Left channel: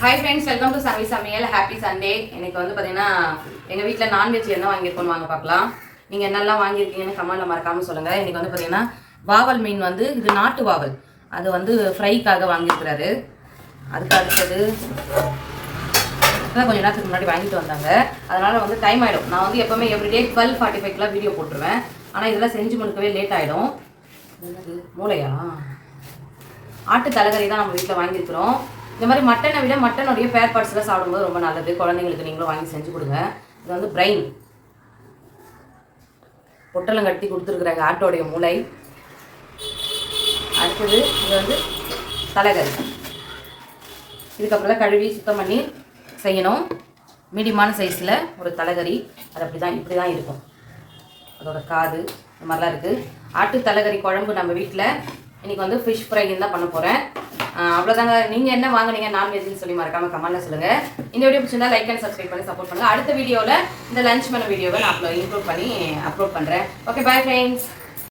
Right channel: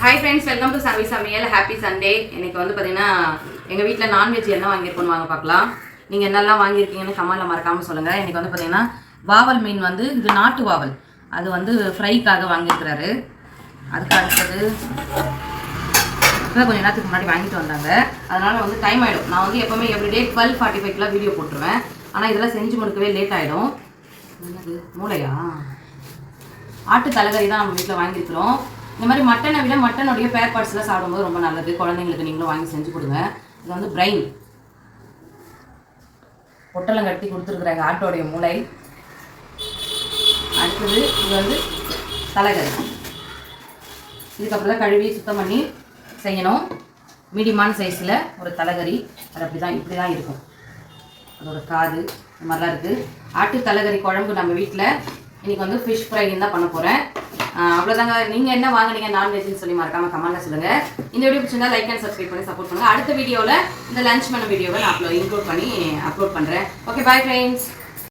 Hi friends welcome to சர்வி சமையல் happy Sunday எனக்கு வந்து பார்த்தீங்கன்னா எங்கள் வீட்டில் நான்வெஜ் என்ன வாங்கியிருக்கோம் வாங்க பார்க்கலாம் நீங்கள் என்னெல்லாம் வாங்கியிருக்கீங்கன்னு கமெண்ட்டில் மறக்காமல் சொல்லுங்கள் எனக்கு வந்து பார்த்தீங்கன்னா வாவல் மீன் வந்து இது நாட்டு வாவல். அது வந்து ஃப்ரைக்காக வாங்கியிருக்கிறாரு. அதுக்கு அடுத்தது கொஞ்சம் நேரத்துக்கு முன்னாடி வாங்கிட்டு வந்தாங்க. அதனால் வந்து டைம் ஆகிடும் நான் வந்து எப்போவுமே எவ்ரிடே டுவெல் ஃபார்ட்டி ஃபைவ்க்குலாம் வீடியோ போட்டுருவேன். ஆனால் இதெல்லாம் செஞ்சு முடிக்கவே லேட் ஆகிடும் என்னது மூளையா? ஆட்டு தலைகறி தான் நம்ம வீட்டில் வாங்கியிருக்கிறோம். இந்த மாதிரி மட்டனை விட மட்டனுடைய பேர் பார்ட்ஸ்லாம் சாப்பிடும்போது ரொம்ப நல்லது. குழந்தைங்களுக்கு நீங்களும் வாங்கி செஞ்சு கொடுங்க. இது வந்து பிரெயின் பொட்டலம் கட்டி கொடுத்துருக்குறாங்க ஆட்டோடைய மூளை. அடுத்தது இது வந்து தலைகறி இதுக்கப்புறம் கழுவி சுத்தம் பண்ணி செய்யணும். மீடியமான சைஸில் ஒரு தலைகறி. அது அப்படி தான் இப்படி தான் இருக்கும். அதோட காது இந்த மாதிரிலாம் இருக்குது ஆட்டு தலைகறி குழம்பு நம்ம வீட்டில் இன்றைக்கி வந்து ஃபிஷ் ஃப்ரைன்னு தான் பண்ண போகிறேன் அவ்வளோதாங்க நீங்கள் என்ன வாங்குனீங்க நான்வெஜ்னு சொல்லி மறக்காம கமெண்ட்ல சொல்லுங்க. இந்த வீடியோ பிடிச்சிருந்தா லைக் அண்ட் சப்ஸ்கிரைப் பண்ணி சப்போர்ட் பண்ணுங்க. அடுத்த வீடியோவில் இந்த லஞ்ச் பண்ண வீடியோவை நான் அப்லோ இன்க்ளூட் பண்ணி அப்லோட் பண்ணுறேன் ஓகே பாய் ஃப்ரெண்ட்ஸ்